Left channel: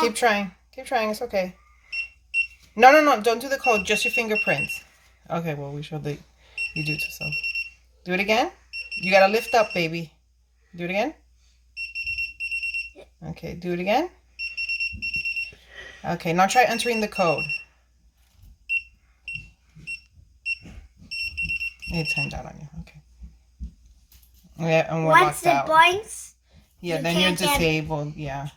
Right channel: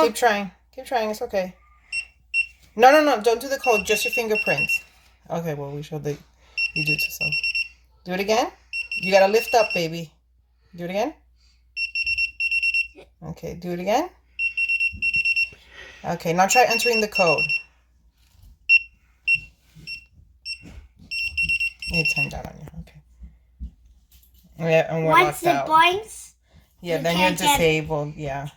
Keep trying. Keep trying. It's okay. No, no, no. Don't do the code. Just your fingerprints. Okay, well, we showed that you do it to some. Do it again. You gotta lift up, baby. Do it again. Okay, do it again. Okay, now try entering the code. It timed out on you. Okay. Yeah, and we're locked out. Once it blinks, yeah, then you're disabled. Yeah.